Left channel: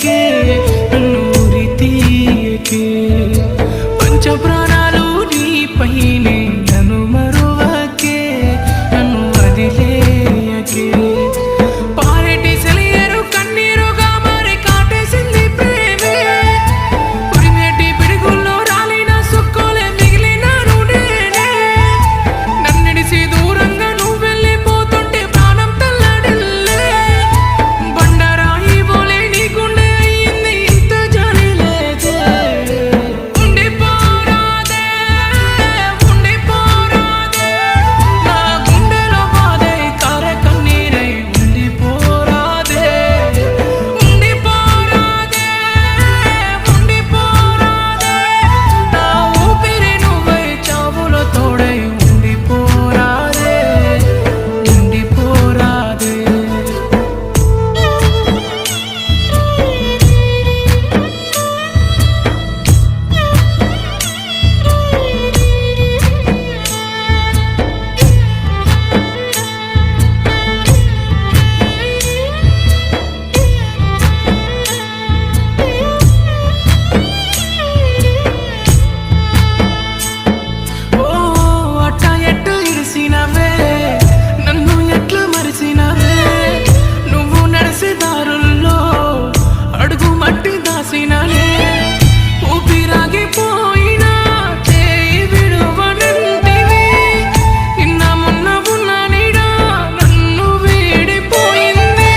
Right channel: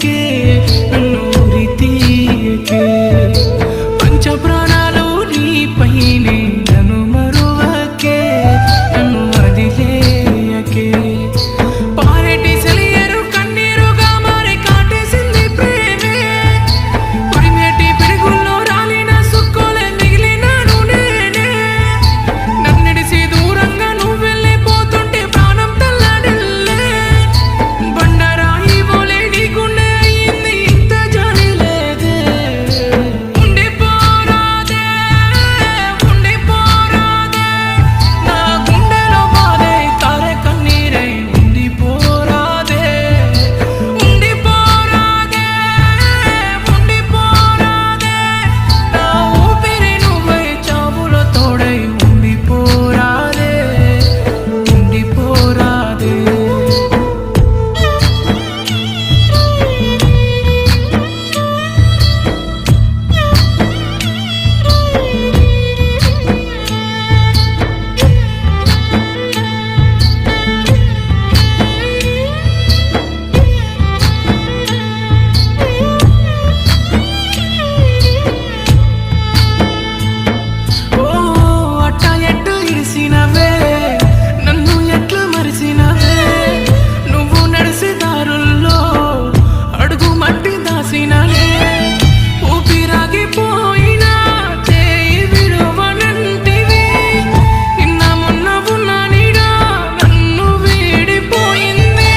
తీయకే నన్ను ఉరి తీయకే పంచ ప్రాణాలు నీపైనే నన్ను మరువకే నన్ను వదిలేయకే పారేటి సెలియరు కన్నీరుగా మారి కాటేసింది ప్రేమే ఉరిమేటి పిడుగుల్లో రాలిన సుక్కోలే మిగిలినాను నేనే నన్నిడిసి దూరంగా నువ్వు వెళ్ళిపోతుంటే ప్రాణం తల్లడిల్లే బండరాయి బోలే నీ గుండె అయ్యింది ఇంత జాలి లేదే ఉండిపోరాదే ఉండిపోరాదే నా గుండెలో బాధే కారే కన్నీరై ఉండిపోరాదే ఉండిపోరాదే ఉండిపోరాదే నా ఊపిరి నువ్వై చావులో తోడై ఉండిపోరాదే ఉండిపోరాదే ఓ అట్ట ఎట్టు ఇడిసినవే నన్ను ఎట్లు మరిసినవే నువ్వు నడిసే దారుల్లో అడుగు మట్టి దాసిననే ఊపిరాగిపోయినా చేయి విడువనంటివి నిన్న మొన్న ఉన్న నీడా నన్ను వీడిపోయింది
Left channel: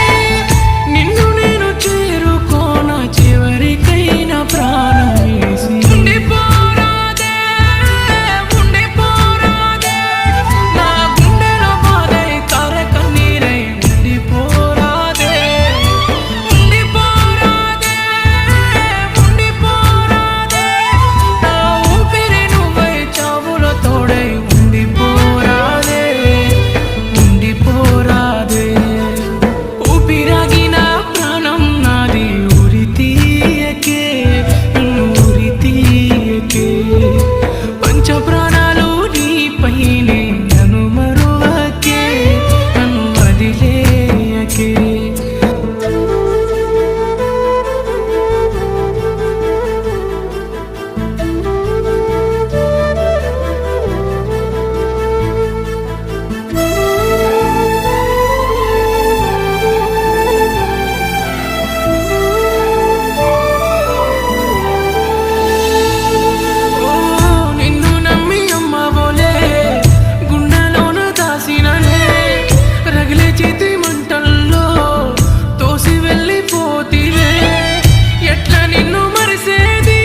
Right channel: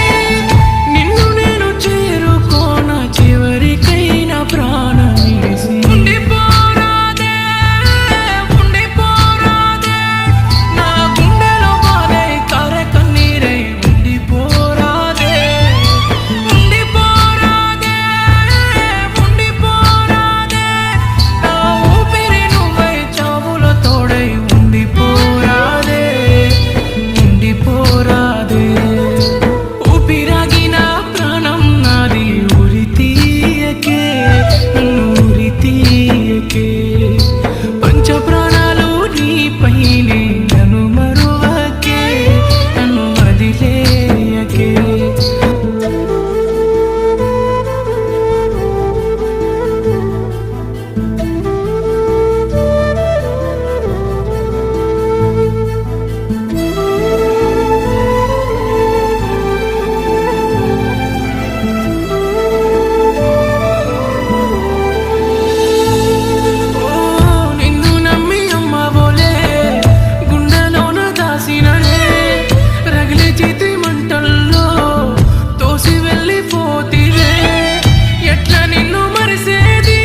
నిన్ను నేను చేరుకోన చివరికైనా ప్రాణమేసి ఉండిపోరాదే ఉండిపోరాదే నా గుండెలో బాధై కారే కన్నీరై ఉండిపోరాదే ఉండిపోరాదే ఉండిపోరాదే నా ఊపిరి నువ్వై చావులో తోడై ఉండిపోరాదే ఉండిపోరాదే ఊపిరాగిన ప్రాణం నాది ఉరి తీయకే నన్ను ఉరి తీయకే పంచ ప్రాణాలు నీపైనే నన్ను మరువకే నన్ను వదిలేయకే ఓ నిన్ను నమ్మి అమ్మవోలే గుండెలోన దాసిననే రగిలే చేతి మంటల్లో తోసి వెళ్ళిపోతివే ఎట్లా నిన్ను మరిసేది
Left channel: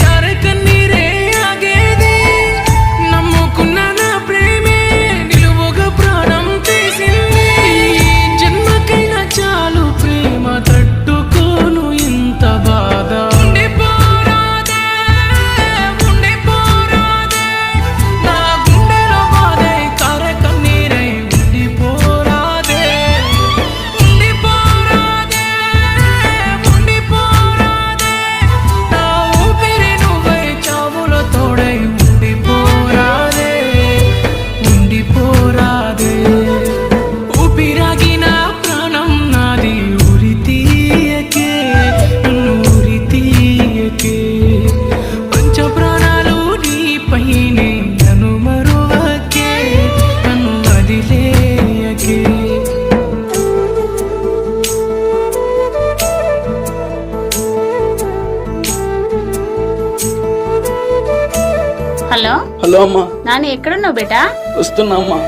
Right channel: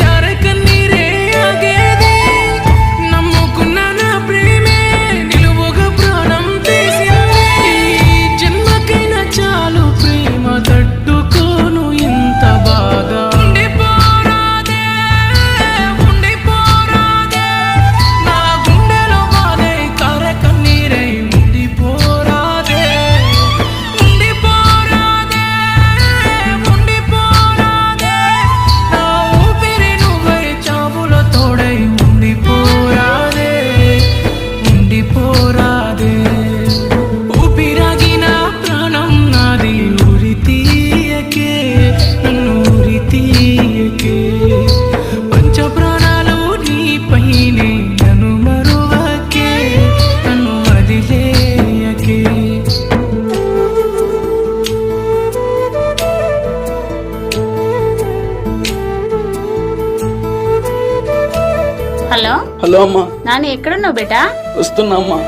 చారే కన్నీరే ఆగేది నమ్ముకున్న నా ప్రేమే నిలువుగా ప్రాణం తీసింది ఈ జన్మకైనా చాలు ప్రేమ తట్టుకోను ఇంత బాధ ఉండిపోరాదే ఉండిపోరాదే నా గుండెలో బాధై కారే కన్నీరై ఉండిపోరాదే ఉండిపోరాదే ఉండిపోరాదే నా ఊపిరి నువ్వై చావులో తోడై ఉండిపోరాదే ఉండిపోరాదే ఊపిరాగిన ప్రాణం నాది ఉరి తీయకే నన్ను ఉరి తీయకే పంచ ప్రాణాలు నీపైనే నన్ను మరువకే నన్ను వదిలేయకే హలో హలో అమ్మా, నాని ఎక్కడున్నావు బేటా? వస్తున్నా అమ్మా.